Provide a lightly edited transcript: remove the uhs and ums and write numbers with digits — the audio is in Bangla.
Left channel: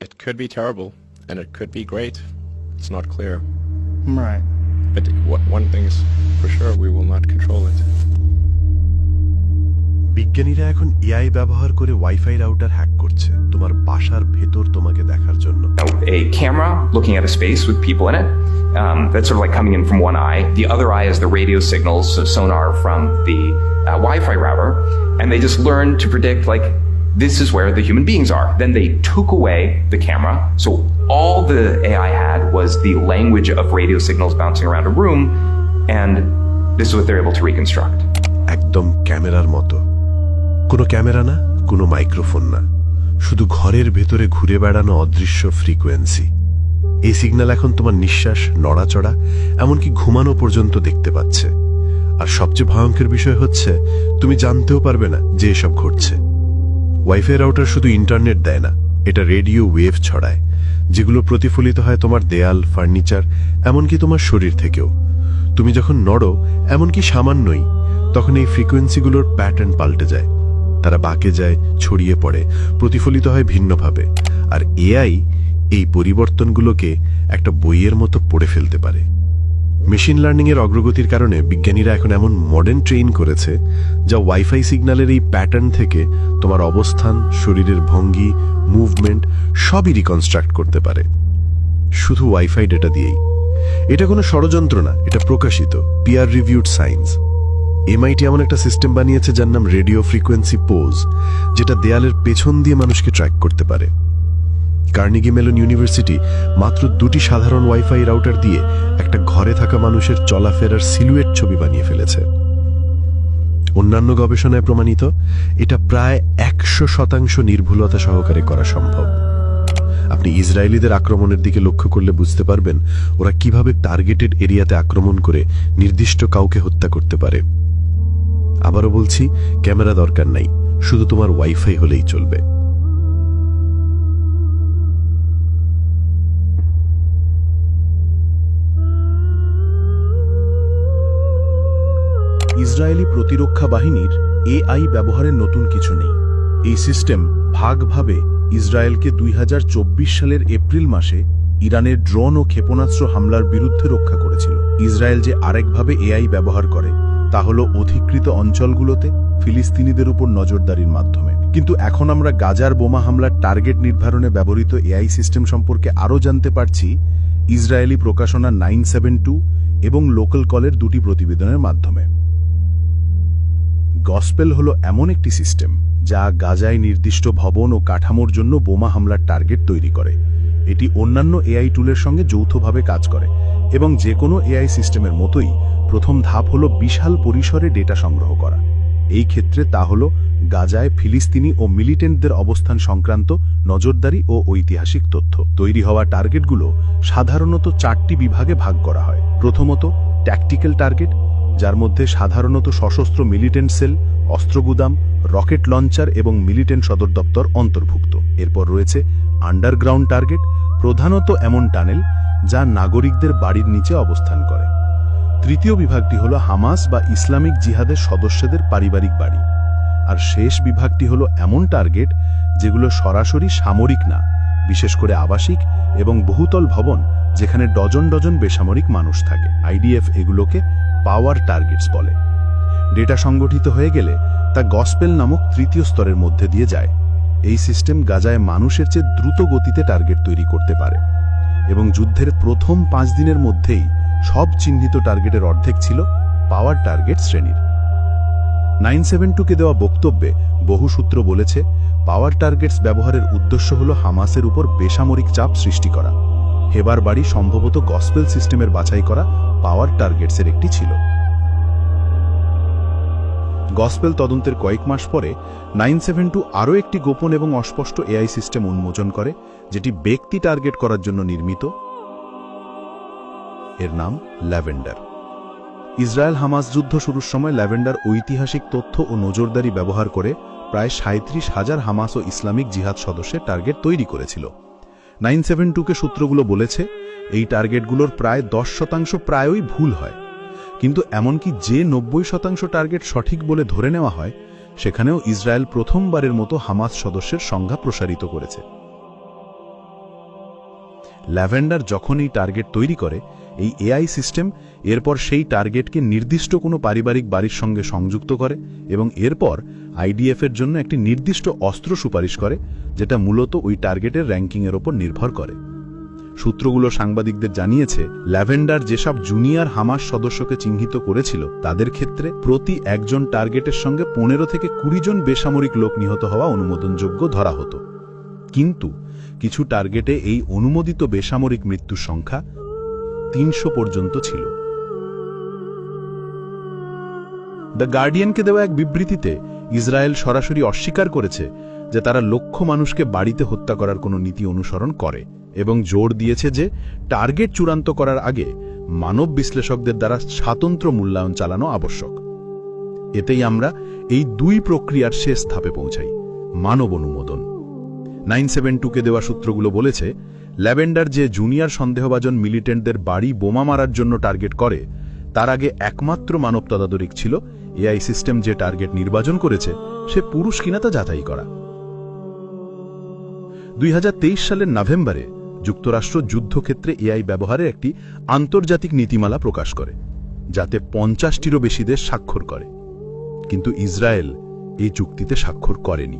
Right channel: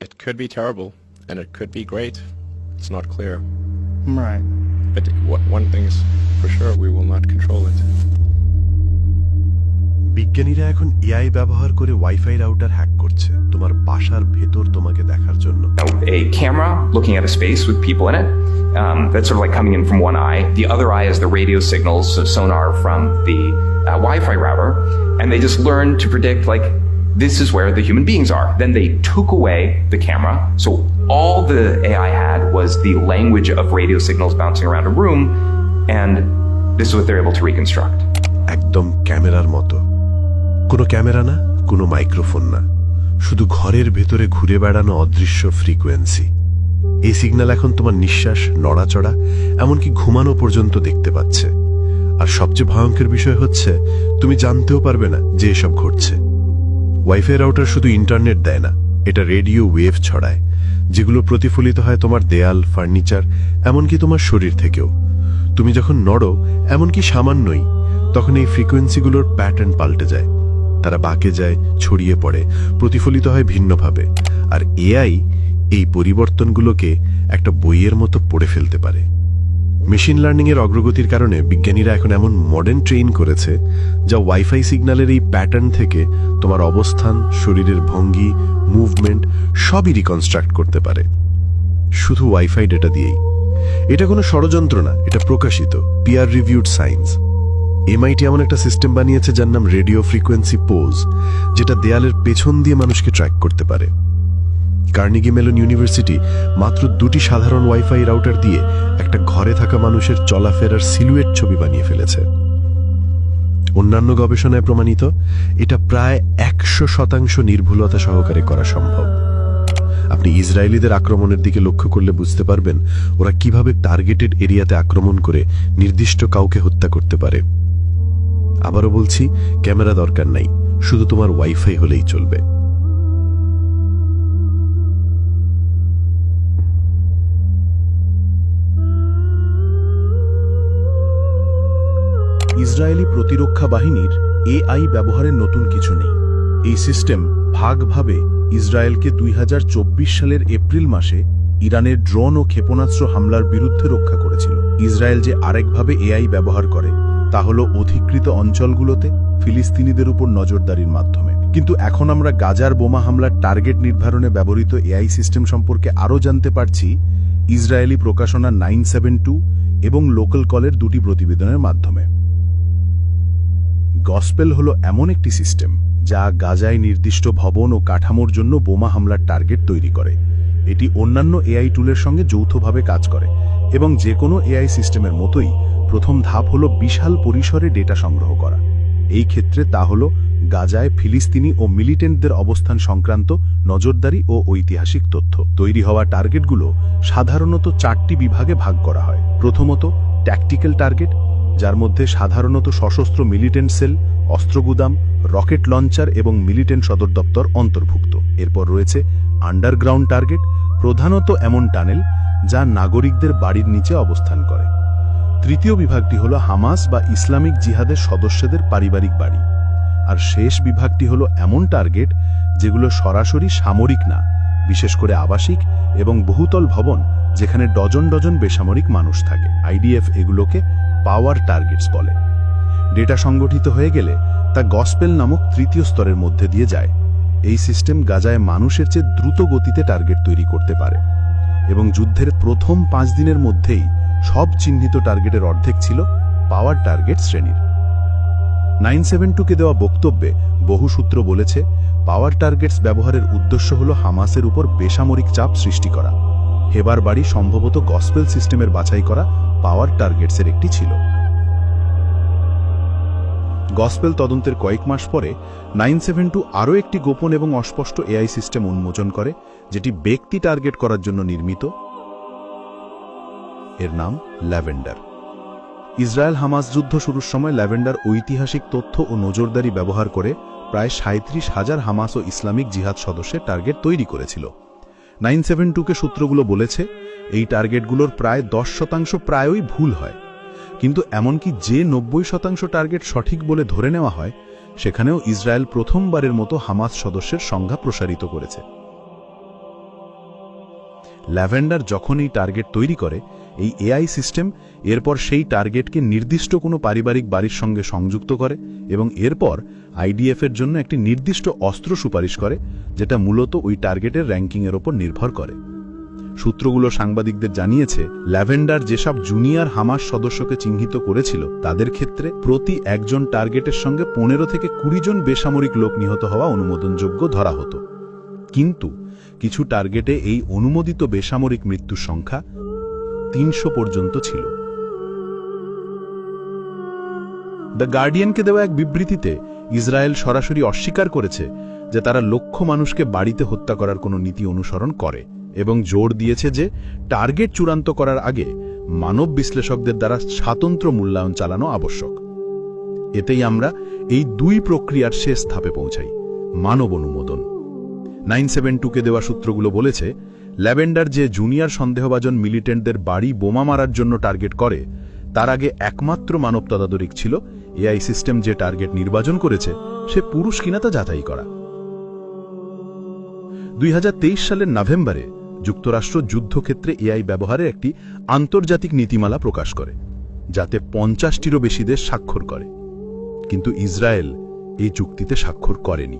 It could be terrible, and it could be great. It's not clear. Right. But one thing's for sure, we will not control it. বিজ্ঞানীরা এখন এআই ব্যবহার করে ওয়াইফাই রাউটার হ্যাক করছে তোমার বাসার ভেতর তোমাকে দেখার জন্য। A camera looking at a space with people in it. That's sort of like coming in from one eye. The other eye is the radio signals, so sonar from the Wi-Fi router, and they just learn to predict like this is where the human beings are. Then they took away the camera, so all the AI had was the language of radio signals bouncing around a room, and this is what they're able to reconstruct. একদম ক্যামেরার মতো। কোনো ক্যামেরা না, কোনো মাইক্রোফোন না, শুধু ঘরের ভেতরে ঘুরে বেড়ানো অদৃশ্য ফ্রিকোয়েন্সি। এই সিগন্যাল এখন তোমার নিঃশ্বাস, নড়াচড়া, এমনকি ঘুমানো পর্যন্ত দেখতে পাচ্ছে। আর সবচেয়ে ভয়ঙ্কর বিষয় হচ্ছে তুমি জানতেও পারবে না যে এসব ঘটছে। ওয়াইফাই রাউটার শুধু ইন্টারনেট দেয় না, এটা রেডিও ওয়েভ ছড়ায়, যেগুলো প্রতিফলিত হয় তোমার দেয়াল, ফার্নিচার, এমনকি তোমার শরীর থেকেও। তুমি যখন নড়ো, এমনকি সামান্যই, তখন এই ফ্রিকোয়েন্সিগুলোর প্যাটার্ন পাল্টে যায়, তারা বাঁকে যায়, ছড়িয়ে পড়ে, প্রতিফলিত হয় ভিন্নভাবে। আর এআই এই পরিবর্তনগুলোকে একটা বইয়ের মতো পড়ে ফেলতে পারে। মেশিন লার্নিং এর অগ্রগতির কারণে বিজ্ঞানীরা এখন এমন মডার্ন ট্রেইন করেছে যা ওয়াইফাই সিগন্যালের এই প্যাটার্ন থেকে তোমার অবস্থান, শরীরের ভঙ্গি, মুভমেন্ট সবই রিকনস্ট্রাক্ট করতে পারে, শুধু ওয়াইফাই ডেটা দিয়েই। এটা কোনো ষড়যন্ত্র না, এটা প্রকাশিত পিয়ার রিভিউড সায়েন্স। এমআইটি এমন একটা সিস্টেম বানিয়েছে যার নাম রেডিও ফ্রিকোয়েন্সি পোজ, যেটা দেয়ালের পেছন দিয়ে মানুষকে ট্র্যাক করতে পারে। কার্নেগি মেলন ইউনিভার্সিটি মাত্র 2টি সাধারণ ওয়াইফাই রাউটার দিয়ে একটা ঘরে থাকা মানুষের চলাফেরার সিলুয়েট ছবি বানিয়ে ফেলেছে। অন্যান্য গবেষণায় প্রমাণিত এটা প্রায় 100% নির্ভুলতা সহকারে করা সম্ভব। আপনি ইসরায়েলিদের আক্রমণের দিকে লক্ষ্য করলে বুঝতে পারবেন ওরা কিভাবে টার্গেটেড এরিয়াতে আক্রমণ করে নির্দিষ্ট কাউকে হত্যা করতে পারে। আবারও বলছি, ক্যামেরা দরকার নাই, শুধু তোমার ওয়াইফাই হলেই চলবে। ইসরায়েলি প্রতিরক্ষা বাহিনীর এআই ব্যবহারের নতুন কিছু নেই। এই সিস্টেম ভাগভাবে ইসরায়েলকে 2024 সালের এপ্রিল মাসে ইরানের ড্রোন ও ক্ষেপণাস্ত্র হামলার বিরুদ্ধে রক্ষা করেছিল। ইসরায়েল যে আরেকভাবে এআই ব্যবহার করে তা হল অধিকৃত অঞ্চলগুলোতে ফিলিস্তিনিদের উপর নজরদারির মাধ্যমে। কিন্তু এখন আমরা গাজার বোমা হামলার টার্গেট নির্ধারণে ব্যবহৃত এআই সিস্টেম সম্পর্কে আরও জানতে পারছি ইসরায়েলি প্রকাশনা 972 এবং লোকাল কলের 2টি প্রতিবেদনের মাধ্যমে। গসপেল হলো এমন একটি সিস্টেম যা গাজায় নির্দিষ্ট ভবন ও কাঠামোর জন্য বোমা হামলার টার্গেট তৈরি করে। এটি অন্যান্য এআই টুলের সঙ্গে যৌথভাবে কাজ করে এবং যে কোনো এআই সিস্টেমের মতোই প্রথম ধাপ হলো বিশাল পরিসরে ডেটা সংগ্রহ করা। এই ক্ষেত্রে তা হলো গাজায় ফিলিস্তিনি ও মিলিটেন্টদের অবস্থান সংক্রান্ত নজরদারি ও ঐতিহাসিক তথ্য। তৈরি হওয়া টার্গেটগুলো সাধারণত 4টি বিভাগে ভাগ করা হয়। প্রথমত ট্যাকটিক্যাল টার্গেট, যার মধ্যে সাধারণত সশস্ত্র মিলিটেন্ট সেল, অস্ত্রগুদাম, রকেট লঞ্চার এবং মিলিটেন্ট সদর দপ্তর অন্তর্ভুক্ত। এরপর রয়েছে আন্ডারগ্রাউন্ড টার্গেট, প্রধানত এমন টানেল যা নাগরিকদের বাড়ির নিচে অবস্থান করে। তৃতীয় বিভাগটি হল হামাস বা ইসলামিক জিহাদের সদস্যদের পারিবারিক বাড়ি। আর শেষ বিভাগটি হল এমন টার্গেট যেগুলো সরাসরি সামরিক না, বিশেষ করে আবাসিক এবং বহুতল ভবন যেখানে ডজন ডজন বেসামরিক মানুষ থাকে। আইডিএফ এগুলোকে পাওয়ার টার্গেটস বলে। ডেটা সংগঠিত হয়ে গেলে তা গসপেল নামক তৃতীয় স্তরের মধ্যে দিয়ে যায়। এই সিস্টেম গাজায় মানুষের চেয়ে দ্রুত গতিতে টার্গেট তৈরি করতে পারে এবং যুদ্ধের প্রথম 5 দিনের মধ্যেই সব চিহ্নিত টার্গেটের অর্ধেক ছিল পাওয়ার টার্গেট শ্রেণীর। 972-কে দেওয়া বক্তব্যে বহু সূত্র বলেছে পাওয়ার টার্গেটস ব্যবহারের উদ্দেশ্য হল হামাসের উপর বেসামরিক চাপ সৃষ্টি করা। হেবার বাড়ি সম্ভবত গসপেল সিস্টেমের বাছাই করা পাওয়ার টার্গেটসের একটি ছিল। গসপেল তদন্তের কয়েক মাস পরে 972 আরও একটি গোপন এবং অস্পষ্ট এআই সিস্টেম উন্মোচন করে, যেটি ব্যক্তি টার্গেট করার জন্য নির্মিত। এর নাম ল্যাভেন্ডার। ইসরায়েল হামাস যুদ্ধ শুরুর সময় ল্যাভেন্ডার ঐতিহাসিক তথ্য ও নজরদারি ব্যবহার করে প্রায় 37,000 হামাস ও ইসলামিক জিহাদ সদস্যের টার্গেট তৈরি করেছিল। 972-কে সূত্রগুলো বলেছে এই টার্গেটগুলোর প্রায় 10% প্রায়ই ভুল হয়, কিন্তু এমনকি যে 90% টার্গেট সঠিক বলে ধরে নেওয়া হয় সেখানেও ইসরায়েল প্রথমবারের মতো হামাস সদস্যের সংখ্যা প্রসারিত করেছে। ল্যাভেন্ডার যখন এই টার্গেট তৈরি করে, এই এআই সিস্টেম এরপর সেই টার্গেটকে নির্দিষ্ট কোনো পারিবারিক বাড়ির সঙ্গে সংযুক্ত করে এবং এরপর আইডিএফের জন্য একটি নির্দিষ্ট অস্ত্র সুপারিশ করে, যেটা মূলত ওই টার্গেটের র্যাঙ্কিংয়ের ওপর নির্ভর করে। সূত্রগুলো সাংবাদিকদের জানিয়েছে, ল্যাভেন্ডার যেসব জুনিয়র হামাস সদস্যকে চিহ্নিত করেছিল তাদের ক্ষেত্রে প্রতি একজন টার্গেটের সঙ্গে 15 থেকে 20 জন বেসামরিক লোক নিহত হওয়া অনুমোদনযোগ্য ধরা হতো। কিন্তু কিছু টার্গেটে এই অনুমোদিত বেসামরিক মৃত্যুর সংখ্যা 300 পর্যন্ত ছিল। দ্য গার্ডিয়ানকে দেওয়া এক বিবৃতিতে ইসরায়েল সরাসরি অস্বীকার করেছে যে তারা লক্ষ মানুষকে বাড়িতে হত্যা করার কোনো নীতি অনুসরণ করে এবং জোর দিয়েছে যে টার্গেট চূড়ান্ত করার আগে মানব বিশ্লেষকদের দ্বারা স্বতন্ত্র মূল্যায়ন চালানো আবশ্যক। এতেই আমরা এই দুই প্রক্রিয়ার শেষ ধাপে পৌঁছাই, মানব অনুমোদন। 972-কে দেওয়া সূত্রগুলো বলেছে, ল্যাভেন্ডার যে জুনিয়র সন্দেহভাজন মিলিটেন্টদের বাড়ি বোমা মারার জন্য টার্গেট করে, তার আগে একমাত্র মানব তদারক ছিল এআই সিস্টেম যে টার্গেট নির্বাচন করেছে সে পুরুষ কিনা তা যাচাই করা। 2023 সালের নভেম্বরে যুক্তরাষ্ট্র যুদ্ধক্ষেত্রে এআই ব্যবহারের একটি আন্তর্জাতিক নীতিমালা প্রকাশ করে, যাতে 50টিরও বেশি দেশ স্বাক্ষর করে। কিন্তু ইসরায়েল এই চুক্তিতে স্বাক্ষর করেনি।